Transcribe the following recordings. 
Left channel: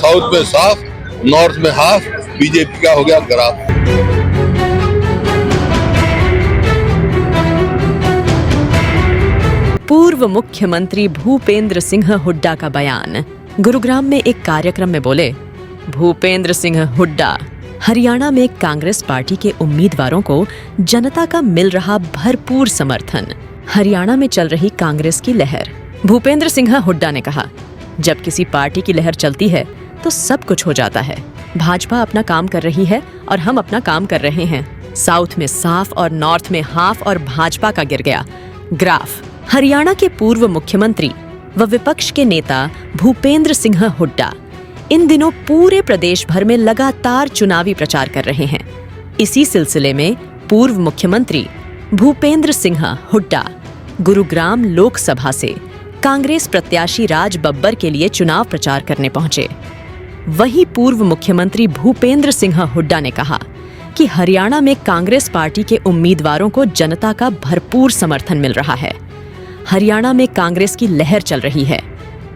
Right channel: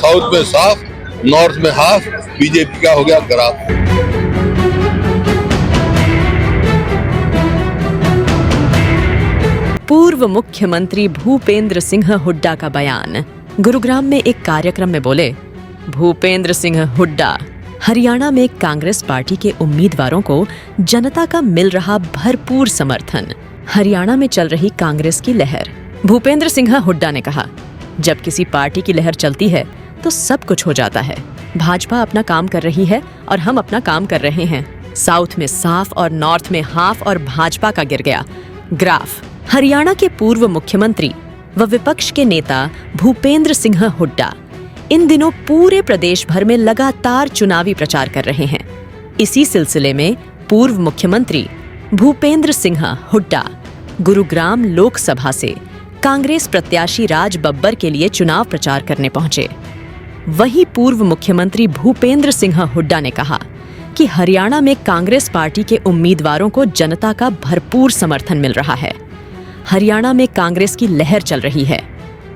South में साफ, north में हाफ, बीजेपी का हो गया ग्राफ। पूर्व मुख्यमंत्री भूपेंद्र सिंह हुड्डा का बयान। गुरुग्राम में एक कार्यक्रम में बोले भूपेंद्र सिंह हुड्डा, हरियाणा में कांग्रेस पार्टी के उम्मीदवारों को जनता का मिल रहा भरपूर समर्थन। हरियाणा में चल रही कांग्रेस की लहर। भूपेंद्र सिंह हुड्डा ने कहा, जब किसी पार्टी की लहर चलती है तो सब कुछ हो जाता है। भाजपा अपना काम कर रही है और हम अपना काम कर रहे हैं। साउथ में साफ और नॉर्थ में हाफ और भाजपा का गिर गया ग्राफ। हरियाणा के पूर्व मुख्यमंत्री व विपक्ष के नेता भूपेंद्र सिंह हुड्डा इन दिनों पूरे प्रदेश भर में लगातार चुनावी प्रचार कर रहे हैं। इसी सिलसिले में पूर्व मुख्यमंत्री भूपेंद्र सिंह हुड्डा गुरुग्राम लोकसभा से कांग्रेस प्रत्याशी राज बब्बर के लिए चुनाव प्रचार करने पहुंचे। वहीं पूर्व मुख्यमंत्री भूपेंद्र सिंह हुड्डा ने कहा कि हरियाणा में कांग्रेस पार्टी के उम्मीदवारों को जनता का भरपूर समर्थन मिल रहा है। हरियाणा में कांग्रेस की लहर चल रही है।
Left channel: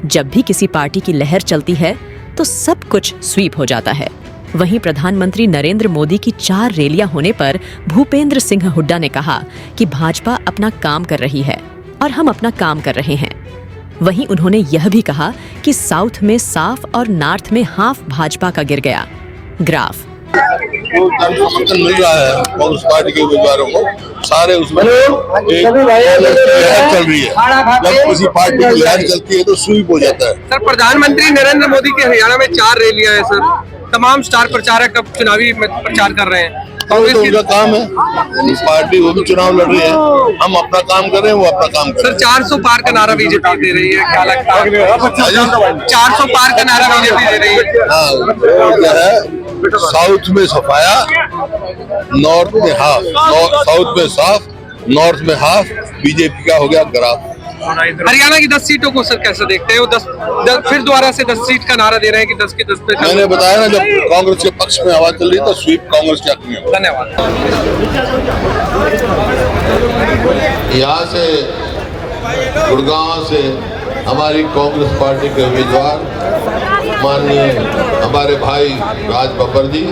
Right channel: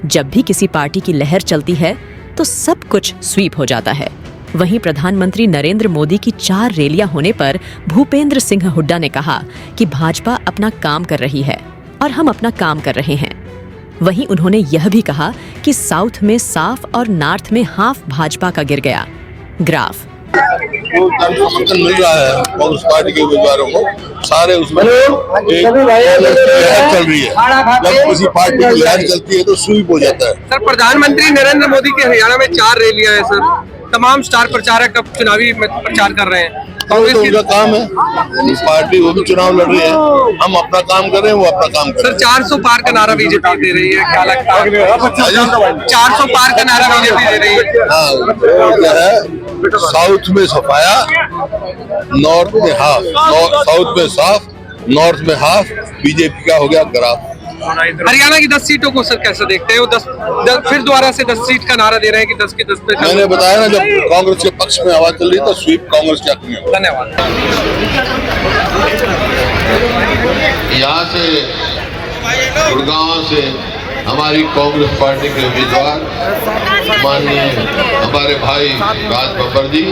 जब भी किसी पार्टी की लहर चलती है तो सब कुछ स्वीप हो जाता है। वहीं प्रधानमंत्री नरेंद्र मोदी की 4 रैलियां होने पर भूपेंद्र सिंह हुड्डा ने कहा कि भाजपा अपना काम कर रही है और हम अपना काम कर रहे हैं। वहीं उन्होंने यह भी कहा कि साउथ में साफ और नॉर्थ में हाफ भाजपा का गिर गया ग्राफ। वो जन समर्थन मिल रहा है कांग्रेस पार्टी के उम्मीदवारों को, सारे उसमें एक लहर चल रही है। जब किसी पार्टी की लहर चलती है तो स्वीप हो जाता है। सर, प्रधानमंत्री नरेंद्र मोदी के हरियाणा में 4 रैलियां हैं सर। तमाम स्टार प्रचारक अब चुनावी प्रचार कर रहे हैं। कांग्रेस तो उनका काम है, पार्टी वो भी चुनाव लड़ रही है, हम अपना काम कर रहे हैं, वो अपना काम कर रहे हैं। सर, 400 पार का नारा बीजेपी दे रही है, क्या लगता है? 400 पार का नारा बीजेपी दे रही है। हाँ, क्या है, साउथ में सफाया, नॉर्थ में हाफ, साउथ में साफ, नॉर्थ में हाफ, बीजेपी का हो गया ग्राफ। हरियाणा की 10 सीटों को सर कैसे देखते हैं? वो 10 फिर दोबारा से 10 सीट का नारा दे रहे हैं कि 10 की 10 पे। मैंने बताया ना, जब कांग्रेस के पक्ष में आवाज चल रही है तो स्वीप कांग्रेस के हक में हो। धन्यवाद। यहाँ से गुड़गांव से हमारी कांग्रेस पार्टी के उम्मीदवार माननीय हमारे भाई राज बब्बर जी,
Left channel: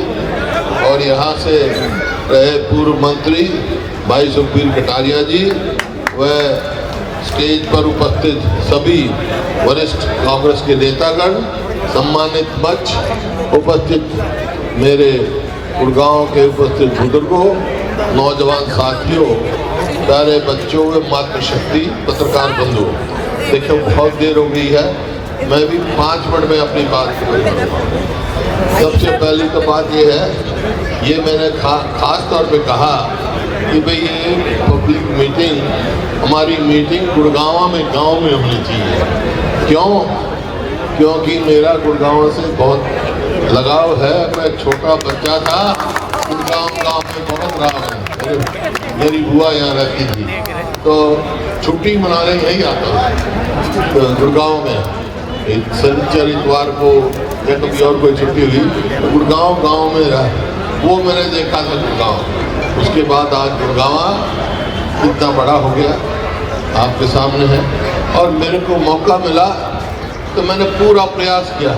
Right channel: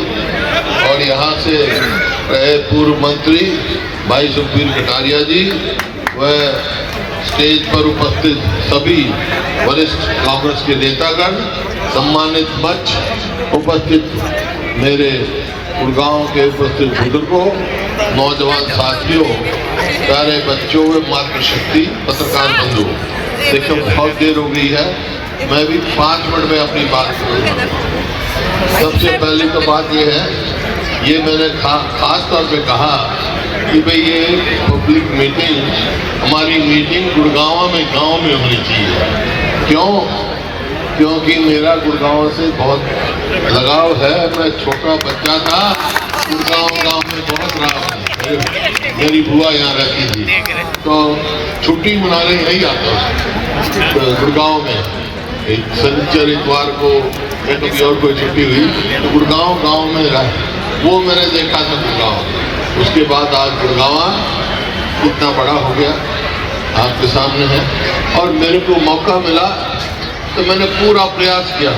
और यहाँ से रहे पूर्व मंत्री भाई सुखबीर कटारिया जी, व स्टेज पर उपस्थित सभी वरिष्ठ कांग्रेस के नेतागण, सम्मानित मंच उपस्थित मेरे गुड़गांव के उपस्थित बुजुर्गों, नौजवान साथियों, प्यारे बच्चों व मातृशक्ति पत्रकार बंधु। देखो बहुत देर हो गई है, मैं भी 5 मिनट में अपनी बात करूँगा। सबसे पहली तो बात ये है, ये मैंने खास तौर पे कहा कि भाई ये पब्लिक मीटिंग, हमारी मीटिंग गुड़गांव में गांव में होनी चाहिए। क्यों? क्योंकि मेरा गुड़गांव से बहुत लगाव है। मैं छोटा बच्चा था, गुड़गांव में बहुत रहा है। मेरी बुआ यहाँ रहती थी, तो छुट्टी मनाने नहीं आता था गुड़गांव में। शनिचर इतवार को कहीं और कोई छुट्टी हुई तो गुड़गांव गाँव में रहा, वो मैंने देखा था गुड़गांव। उसके बाद आज गुड़गांव इतना बड़ा हो गया, आपके सामने है, और मेरे को मौका मिला तो मैंने पूरा प्रयास किया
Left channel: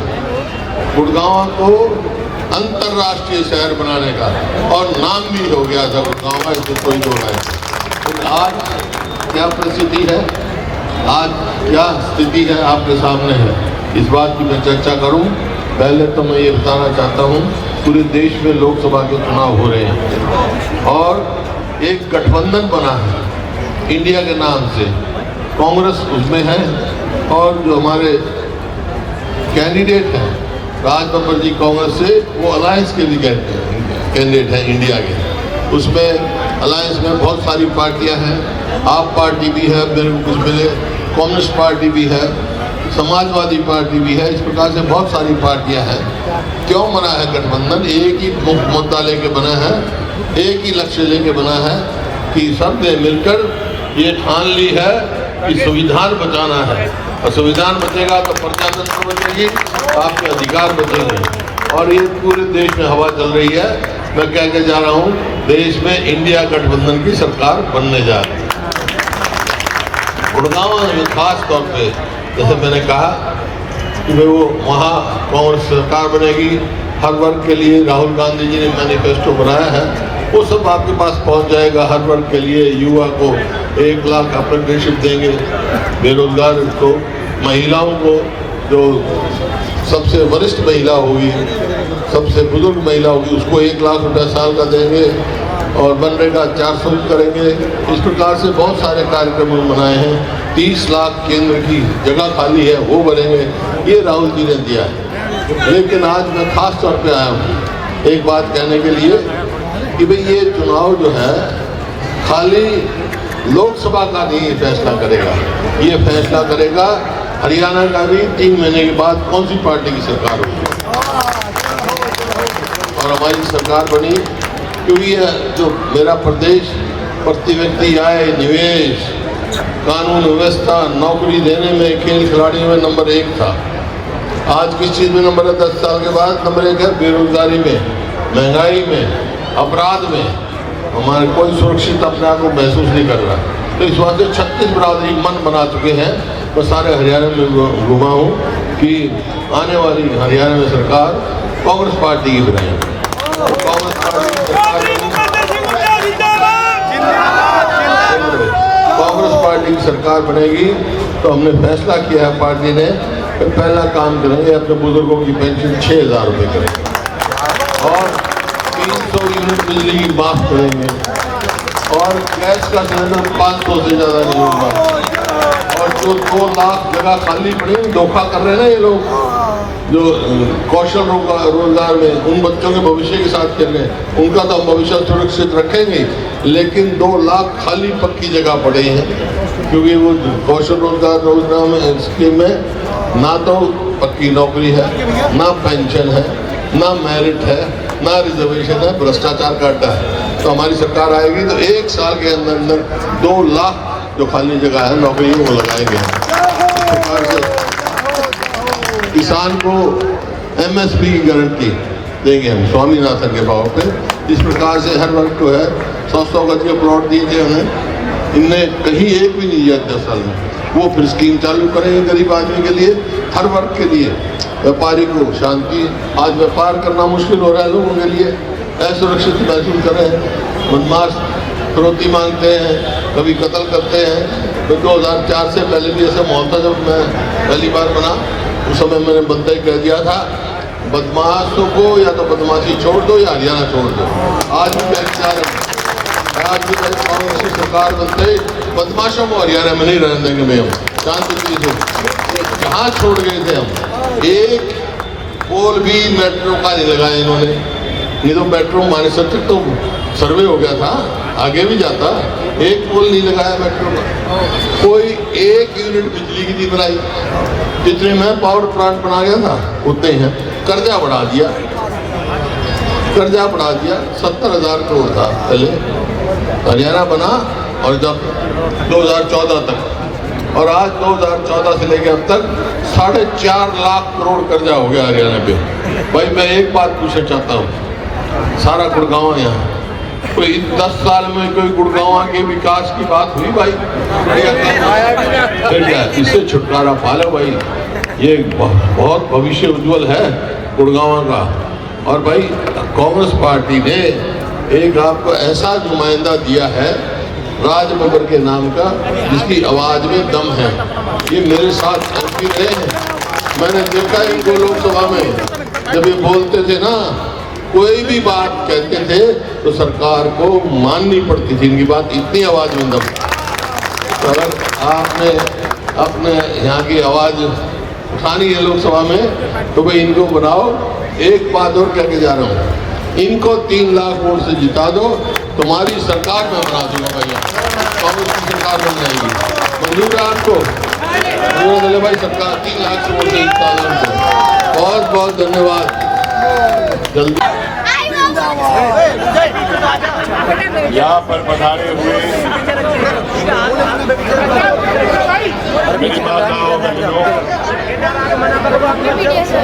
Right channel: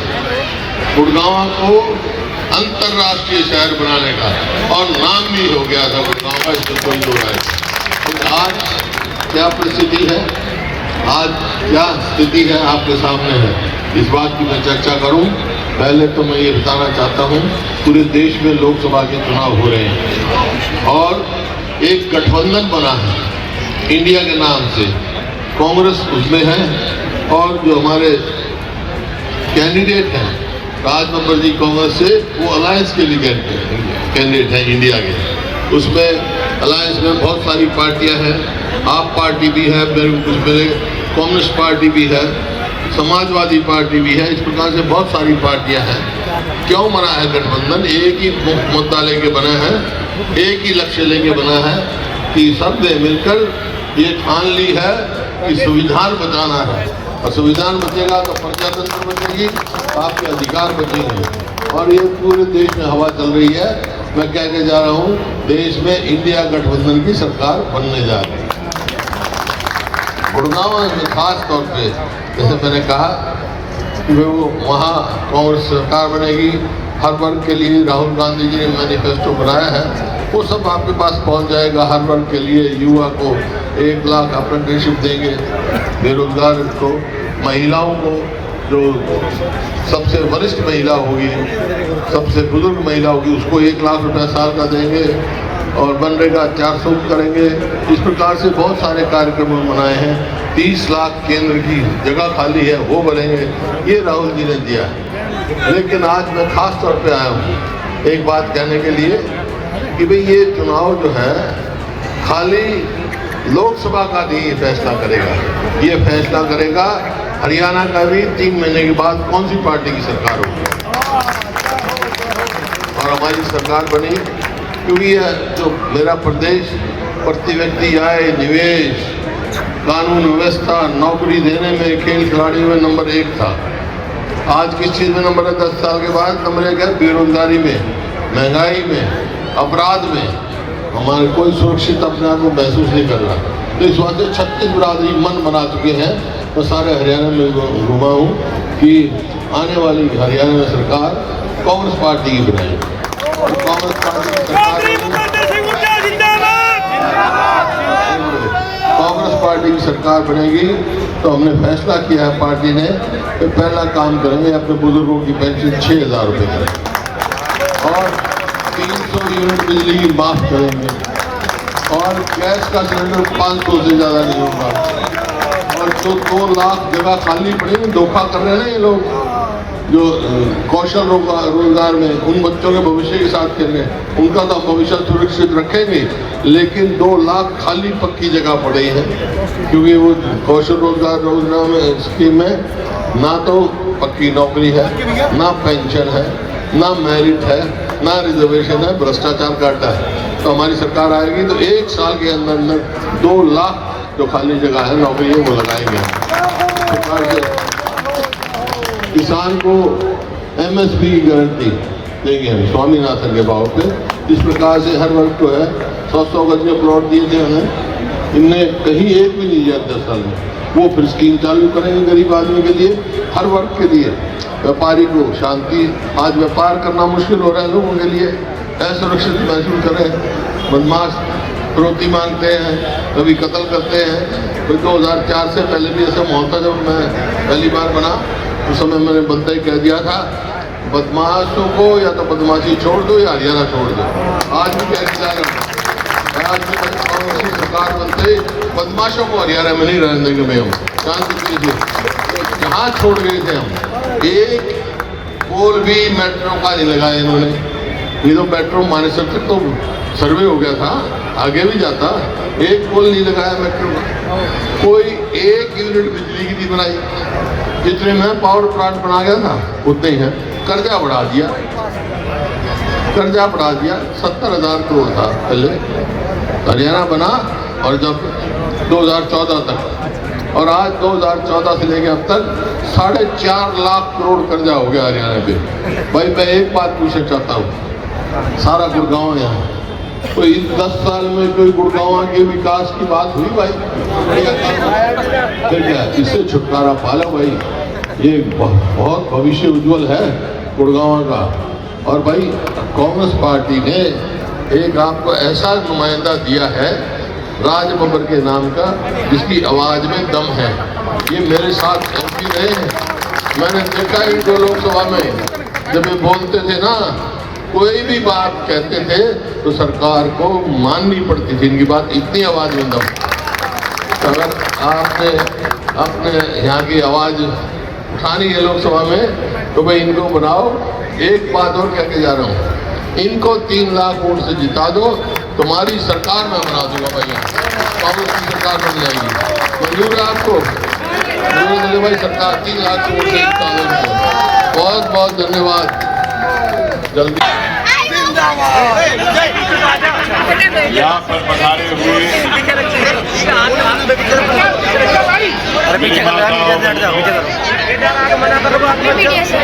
गुड़गांव को अंतर्राष्ट्रीय शहर बनाने का, और नाम भी हो गया था गुड़गांव, इसमें कोई दो है। तो आज क्या परिस्थिति है, आज क्या स्थिति है आपके सामने है, इस बात की मैं चर्चा करूं। पहले तो मैं ये बताना चाहता हूं, पूरे देश में लोकसभा के चुनाव हो रहे हैं और एक गठबंधन बना है इंडिया के नाम से। कांग्रेस उसमें है और जो हमारे कैंडिडेट हैं राज बब्बर जी कांग्रेस से, वो अलायंस के लिए कैंडिडेट हैं इंडिया के। उसमें अलायंस में बहुत सारी पार्टियां हैं, आप पार्टी भी है, उसमें कम्युनिस्ट पार्टी भी है, समाजवादी पार्टी भी है। इस प्रकार से बहुत सारी पार्टियां हैं। क्यों बना है गठबंधन? एक ही मुद्दा लेके बना है, एक ही लक्ष्य लेके बना है कि सब ने मिलकर ये ठान ली है कि संविधान बचाना है, और संविधान बचेगा तो प्रजातंत्र बचेगी, आपके अधिकार बचेंगे। और ये पूरे देश में हवा चल रही है। मैं कह के जा रहा हूँ, देश में इंडिया गठबंधन की सरकार बनने जा रही है। गुड़गांव में खास तौर पे, जैसे मैंने कहा, कि वो वहाँ कांग्रेस सरकार बनेगी। हर वर्ग के लिए राहुल गांधी जी ने मैनिफेस्टो बनाया है, वो सब आपके पास पहुंच जाएगा। हर वर्ग के लिए युवा को 1 लाख अप्रेंटिसशिप देंगे, बेरोजगार को, महिलाओं को, जो सबसे वरिष्ठ महिला होगी, सबसे बुजुर्ग महिला होगी, उसको 1 लाख रुपया साल का देंगे और मनरेगा 400 करेंगे। इस प्रकार से बहुत सारे कार्यक्रम बनाए हैं। 30 लाख केंद्र की जगह खाली है, वो बनेंगे। ये राहुल जी ने दिया। लेकिन आज मैं खास तौर पे आया हूँ एक बात कहने के लिए कि भाई ये चुनाव जो है खाली लोकसभा का नहीं फैसला करेगा, ये फैसला करेगा हरियाणा का भी 3 महीने के बाद कौन सी पार्टी की सरकार होगी और हमारी सरकार बनी। क्योंकि यह जो मेरा प्रदेश प्रति व्यक्ति आय, निवेश, कानून व्यवस्था, नौकरी देने में, खेल खिलाड़ियों में नंबर 1 था। आज किस चीज़ में नंबर है? 10 साल के बाद नंबर 1 है बेरोजगारी में, महंगाई में, अपराध में। हमारे कोई सुरक्षित अपने आप को महसूस नहीं कर रहा। तो इस वजह से 36 बिरादरी मन बना चुके हैं। मैं सारे हरियाणा में घूमा हूँ कि आने वाली हरियाणा में सरकार कांग्रेस पार्टी की बनेगी। कांग्रेस पार्टी की सरकार बनेगी तो हमने फैसला किया है पार्टी ने कि पहला काम करेंगे, अपने बुजुर्गों की पेंशन 6,000 रुपये करेंगे और 300 यूनिट बिजली की माफ करेंगे और गैस का सिलेंडर 500 से ज़्यादा नहीं होगा। और जो 2 लाख जगह खाली नहीं, धोखा कर रहे हैं ना ये लोग जो कौशल रोजगार में, उन बच्चों के भविष्य के साथ खेल रहे हैं, उनका तो भविष्य सुरक्षित रखेंगे। लेकिन 2 लाख खाली पक्की जगह पड़े हैं क्योंकि वो कौशल रोजगार में स्कीम में ना तो पक्की नौकरी है, ना पेंशन है, ना मेरिट है, ना रिजर्वेशन है, भ्रष्टाचार का अड्डा है। तो हमारी सरकार आएगी तो 1 साल के अंदर अंदर 2 लाख जो खाली जगह है नौकरी वो लगाएंगे। किसान को MSP की गारंटी देंगे हम स्वामीनाथन के भाव पे। इस प्रकार से हर वर्ग को है 100 गज के प्लॉट दिए थे उन्हें, इनने कहीं एक भी नहीं दिया 10 साल में। वो फिर स्कीम चालू करेंगे गरीब आदमी के लिए, हर वर्ग के लिए। व्यापारी को शांति, आज व्यापार करना मुश्किल हो रहा है लोगों के लिए, असुरक्षित महसूस करें, बदमाश फिरौती मांगते हैं, कभी कत्ल करते हैं। तो 2004 से पहले भी ऐसा माहौल था। जब मैं पहली बार बना उस समय मैंने बंदे कह दिया था बदमाशों को या तो बदमाशी छोड़ दो या हरियाणा छोड़ दो। आज भी मैं इंतजार हूँ, आज भी कांग्रेस सरकार बनते बदमाशों को हरियाणा में नहीं रहने देंगे। मैं शांति से जहाँ छोड़ गए थे हम, एक पोल भी मेट्रो का नहीं लगाया इन्होंने। ये तो मेट्रो हमारे सब तो सर्वे हो गया था, आगे भी जाता। एक पोल नहीं लगाया मेट्रो में, कोई 1 यूनिट बिजली की नहीं बनाई। जितने में पावर प्लांट बना गया था उतने ही है। कर्जा बढ़ा दिया, 70,000 करोड़ था पहले हरियाणा बना, और जब 2014 तक, और आज 2014 से लेकर अब तक 4.5 लाख करोड़ कर्जा हो गया हरियाणा पे। भाई मैं एक बात पूछना चाहता हूँ, सारा गुड़गांव यहाँ कोई 10 साल में कोई गुड़गांव के विकास की बात हुई भाई? इससे छुटकारा पालो भाई, ये बहुत भविष्य उज्जवल है गुड़गांव का। और भाई कांग्रेस पार्टी ने एक आपको ऐसा नुमाइंदा दिया है राज बब्बर के नाम का, जिसकी आवाज में दम है। ये मेरे साथ MP रहे हैं, मैंने देखा इनको लोकसभा में जब ये बोलते थे ना, कोई भी बात कहते थे तो सरकार को माननी पड़ती थी इनकी बात, इतनी आवाज में दम। तो अगर आपने अपने यहाँ की आवाज उठानी है लोकसभा में तो भाई इनको बनाओ। एक बात और कह के जा रहा हूँ, इनको 3 लाख वोट से जिता दो, तुम्हारी सरकार में बना दूंगा भैया, कांग्रेस की सरकार बन जाएगी। मंजूर है आपको? मंजूर भाई, सरकार 3 लाख वोट से जिता दो उनको। बहुत बहुत धन्यवाद। जल्दी यहाँ पर पधारे हुए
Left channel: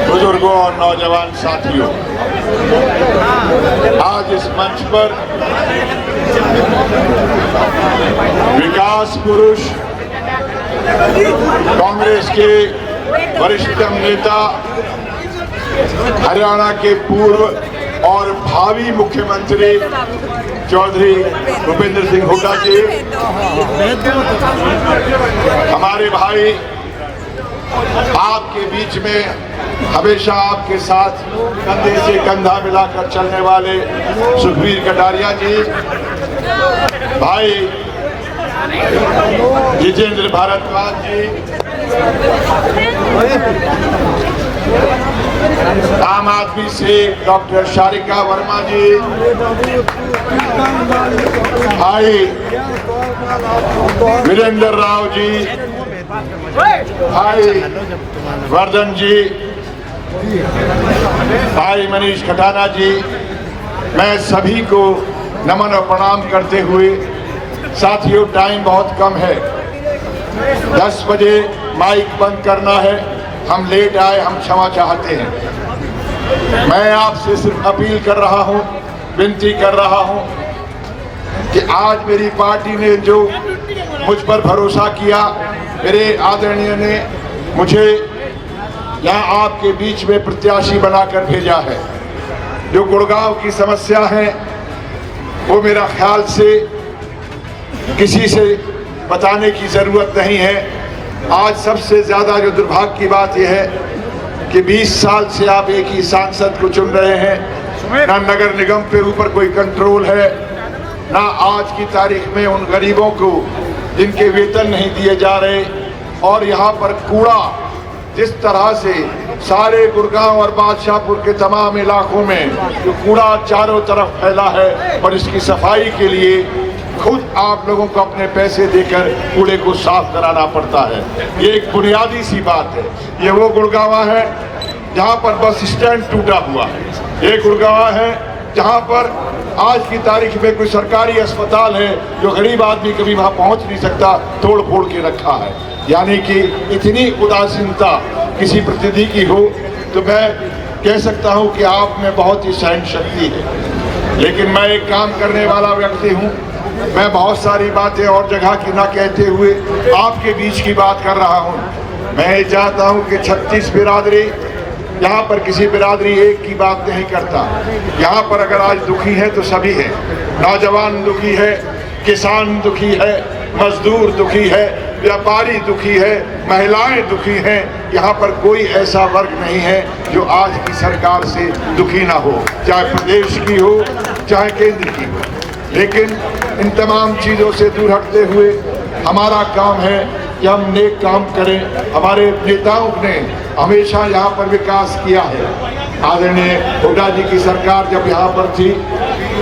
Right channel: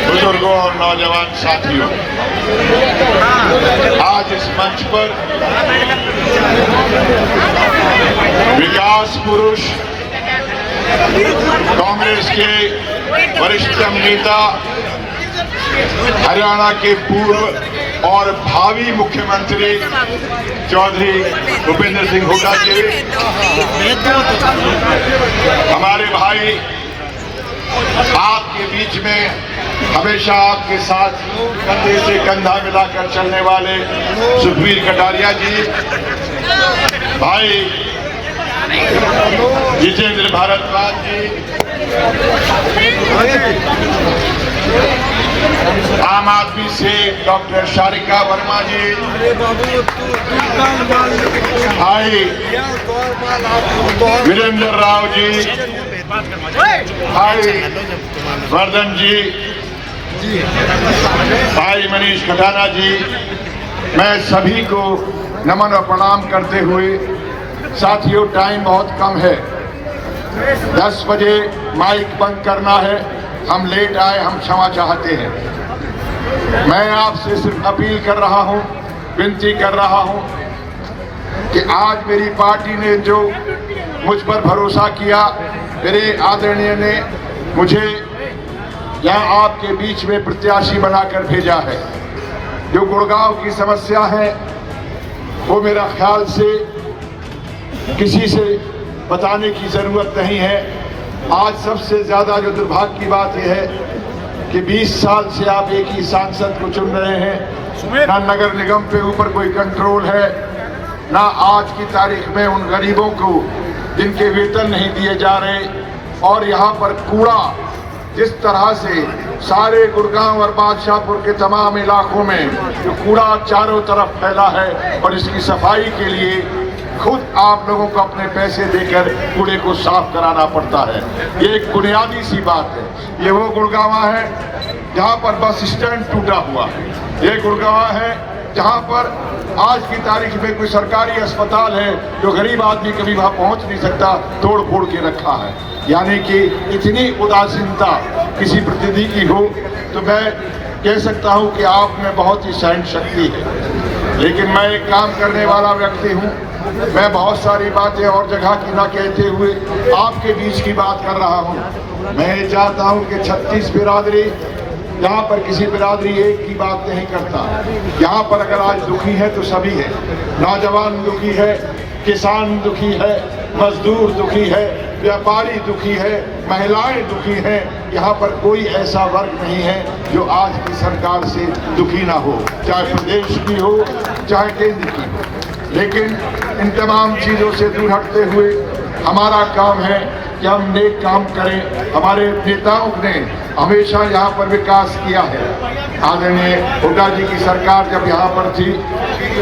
बुजुर्गों और नौजवान साथियों, आज इस मंच पर विकास पुरुष कांग्रेस के वरिष्ठतम नेता, हरियाणा के पूर्व और भावी मुख्यमंत्री चौधरी भूपेंद्र सिंह हुड्डा जी, हमारे भाई, आपके बीच में हमेशा आपके साथ कंधे से कंधा मिलाकर चलने वाले सुखबीर कटारिया जी, भाई जितेंद्र भारद्वाज जी, आम आदमी से डॉक्टर शारिका वर्मा जी, भाई वीरेंद्र राव जी, भाई वर्धन जी, भाई मनीष खटाना जी, मैं सभी को नमन और प्रणाम करते हुए, साथियों टाइम बहुत कम है, 10 बजे माइक बंद करना है, हम लेट आए, हम क्षमा चाहते हैं। मैं आपसे सिर्फ अपील कर रहा हूं, विनती कर रहा हूं कि आज मेरी पार्टी ने जो मुझ पर भरोसा किया, मेरे आदरणीय ने मुझे यहाँ आपके बीच में प्रत्याशी बनाकर भेजा है। जो गुड़गांव की समस्या है वो मेरा ख्याल से किसी से बताने की जरूरत नहीं है। आज सबसे ज्यादा जो दुर्भाग्य की बात यह है कि 20 साल से आप एक ही सांसद को चुन रहे हैं, ना नगर निगम पे ऊपर कोई कंट्रोल है, ना आज की तारीख में उन गरीबों को जिनके वेतन नहीं दिए जा रहे, और यहाँ पर कूड़ा जिस तरह से सारे गुड़गांव और बादशाहपुर के तमाम इलाकों में जो कूड़ा चारों तरफ फैला है, और इसकी सफाई के लिए खुद आप लोगों को अपने पैसे देकर कूड़े को साफ कराना पड़ता है। ये एक बुनियादी सी बात है। ये वो गुड़गांव है जहाँ पर बस स्टैंड टूटा हुआ है, ये गुड़गांव है जहाँ पर आज की तारीख में कोई सरकारी अस्पताल है जो गरीब आदमी कभी वहाँ पहुँच नहीं सकता, तोड़ फोड़ के रखा है। यानी कि इतनी उदासीनता किसी प्रतिनिधि की हो तो मैं कह सकता हूँ कि आप में बहुत ही सहन शक्ति है। लेकिन मैं एक काम करने वाला व्यक्ति हूँ, मैं बहुत सारी बातें और जगह की ना कहते हुए आपके बीच की बात कर रहा हूँ। मैं चाहता हूँ कि 36 बिरादरी, यहाँ पर किसी बिरादरी एक की बात नहीं करता। यहाँ पर अगर आज दुखी है तो सभी है, नौजवान दुखी है, किसान दुखी है, मजदूर दुखी है, व्यापारी दुखी है, महिलाएं दुखी हैं। यहाँ पर कोई ऐसा वर्ग नहीं है जो आज की सरकार से दुखी ना हो, चाहे प्रदेश की हो चाहे केंद्र की हो। लेकिन इन तमाम चीज़ों से दूर हटते हुए हमारा काम है कि हम नेक काम करें। हमारे नेताओं ने हमेशा यहाँ पर विकास किया है। आदरणीय हुड्डा जी की सरकार जब यहाँ पर थी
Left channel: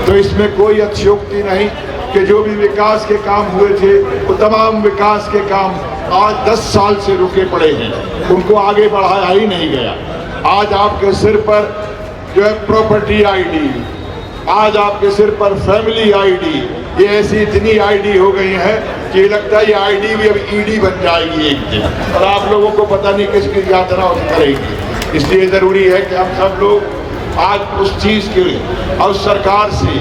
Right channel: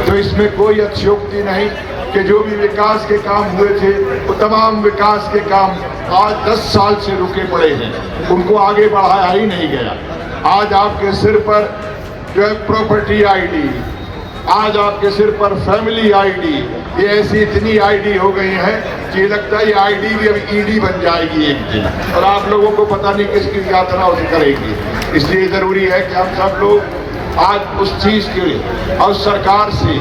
तो इसमें कोई अतिशयोक्ति नहीं कि जो भी विकास के काम हुए थे तो तमाम विकास के काम आज 10 साल से रुके पड़े हैं, उनको आगे बढ़ाया ही नहीं गया। आज आपके सिर पर जो है प्रॉपर्टी आईडी, आज आपके सिर पर फैमिली आईडी, ये ऐसी इतनी आईडी हो गई है कि लगता है ये आईडी भी अब ईडी बन जाएगी एक दिन, और आप लोगों को पता नहीं किसकी यात्रा करेगी। इसलिए जरूरी है कि हम सब लोग आज उस चीज के और सरकार से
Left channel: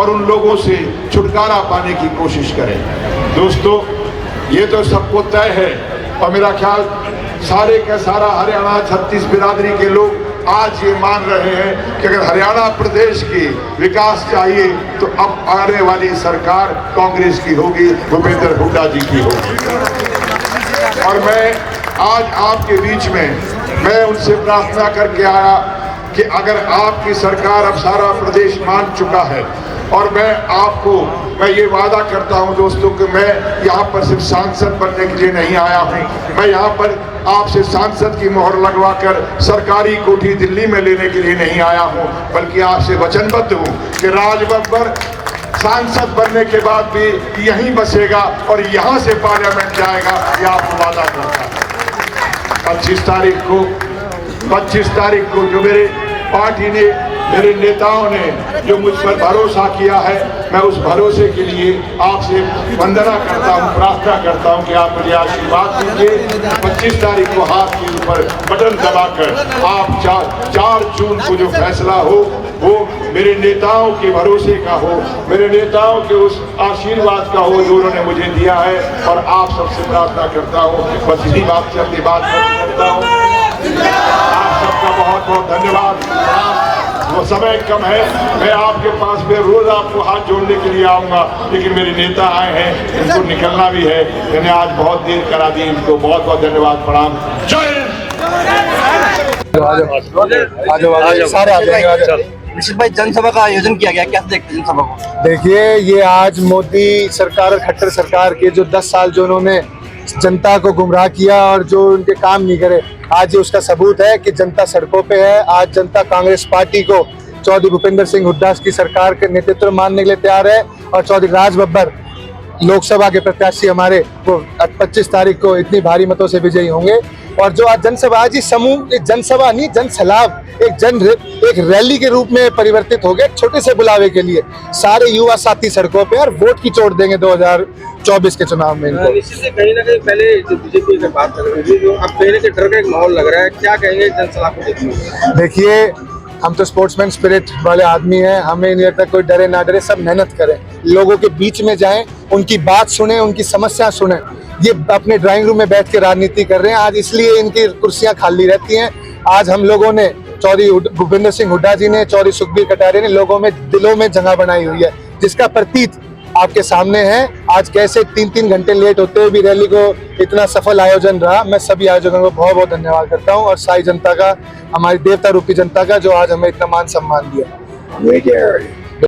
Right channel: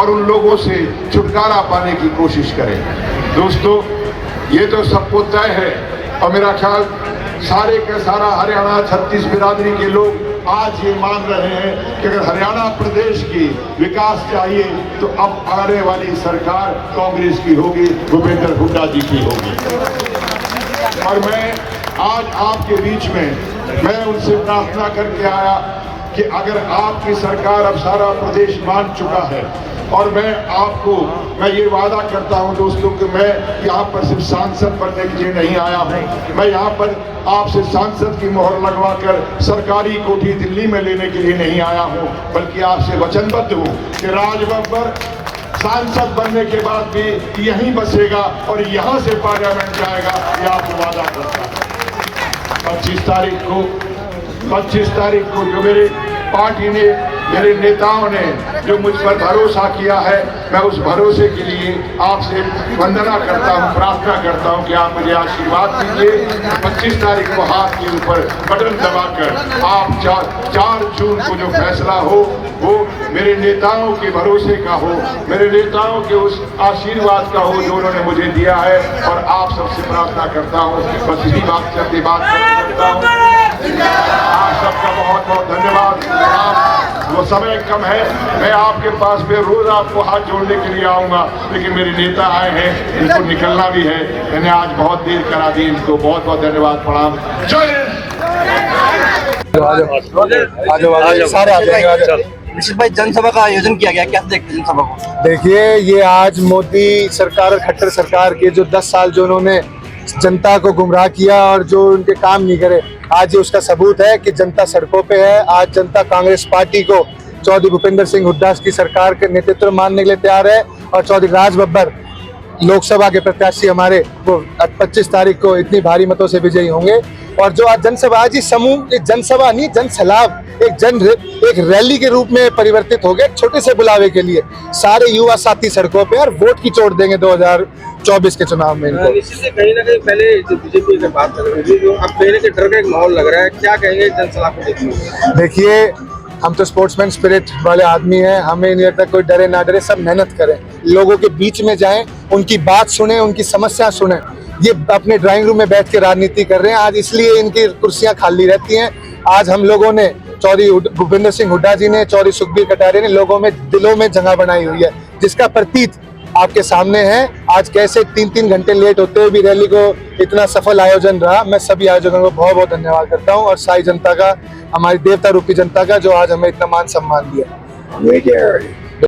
और उन लोगों से छुटकारा पाने की कोशिश करें। दोस्तों, ये तो सबको तय है, और मेरा ख्याल सारे का सारा हरियाणा 36 बिरादरी के लोग आज ये मान रहे हैं कि अगर हरियाणा प्रदेश की विकास चाहिए तो अब आने वाली सरकार कांग्रेस की होगी, भूपेंद्र हुड्डा जी की होगी। और मैं आज आपके बीच में मैं उनसे प्रार्थना करके आया कि अगर आपकी सरकार अब सारा प्रदेश मान चुका है, और मैं ये वादा करता हूं दोस्तों कि मैं यहाँ पर सिर्फ सांसद बनने के लिए नहीं आया हूं, मैं यहाँ पर आपसे सांसद की मोहर लगवाकर सरकारी कोठी दिल्ली में लेने के लिए नहीं आया हूं, बल्कि आपसे वचनबद्ध हूं कि राजबब्बर सांसद बनने के बाद भी यहीं बसेगा और यहाँ से पार्लियामेंट जाएगा, ये आपको वादा करता है। 25 तारीख को जो मेरे पार्टी ने, मेरे नेताओं ने जो मुझ पर भरोसा किया है, मैं उस भरोसे के लिए आपसे वंदना करता हूं, प्रार्थना करता हूं कि आप मुझे आशीर्वाद दीजिए। 25 तारीख को हाथ के ऊपर बटन दबाकर आप 4 जून को जो फैसला हो वो मेरे नेताओं के भरोसे का हो, मेरे नेताओं के उस आशीर्वाद का हो जो उन्होंने मुझे दिया है। और आप सबसे प्रार्थना करता हूँ, बस इसी बात से अपनी बात करता हूँ। आप सबका बहुत बहुत धन्यवाद। वो समय कम है, मैं आपके पास फिर रोज आपको हाथ जोड़ने के लिए आऊंगा, लेकिन मेरे नेता आए हैं, इनको निकलना भी है। मैंने आज बहुत देर करा दी, इनको बहुत बहुत धन्यवाद, प्रणाम, जय हिंद। सारे आ जाएंगे। निश्चित भाई, जनसभा का आयोजन किया गया, कैसे देखते हैं जनसभा को? देखिए, ये आज मोदी सरकार और खट्टर सरकार के जो 10 साल जो उन्होंने जनता को गुमराह किया और जो उनके काम नहीं करे, आज ये उसका सबूत है कि जनता सड़कों पे है। आज जनता कांग्रेस पार्टी को चौधरी भूपेंद्र सिंह हुड्डा की सरकार के नेतृत्व मानने के लिए तैयार है और चौधरी राज बब्बर लोकसभा के प्रत्याशी हमारे वो 25 तारीख को इतनी भारी मतों से विजयी होंगे। और जो आज जनसभा, आज ही समूह, एक जनसभा नहीं, जनसलाब, एक रैली के रूप में परिवर्तित हो गया। एक छोटे से बुलावे के लिए सारे युवा साथी सड़कों पे और वोट की चोट देंगे 2024 के चुनाव में इनको। निश्चित से कहीं ना कहीं पहले जो बीजेपी की बात कर रहे थे, जो अब कहीं ना कहीं डर का एक माहौल लग रहा है, क्या कहेंगे जनसभा को देखिए? देखिए, हम तो स्पोर्ट्समैन स्पिरिट वाले आदमी हैं, हमें नहीं लगता कोई डरे ना डरे, सब मेहनत करें, लोगों के बीच में जाएं, उनकी बात सुने, उनकी समस्या सुने। ये अपने ड्राइंग रूम में बैठ के राजनीति कर रहे हैं आज, इसलिए इनकी कुर्सियां खाली रहती हैं। आज हम लोगों ने, चौधरी भूपेंद्र सिंह हुड्डा जी ने, चौधरी सुखबीर कटारिया ने लोगों में, दिलों में जगह बनाई हुई है, जिसका प्रतीक आपके सामने है। आज कैसे 3-3 घंटे लेट होते हुए भी रैली को इतना सफल आयोजन रहा। मैं सभी आयोजकों को बहुत बहुत धन्यवाद करता हूँ और सारी जनता का, हमारी देवता रूपी जनता का, जो आज हमें इतना मान सम्मान दिया।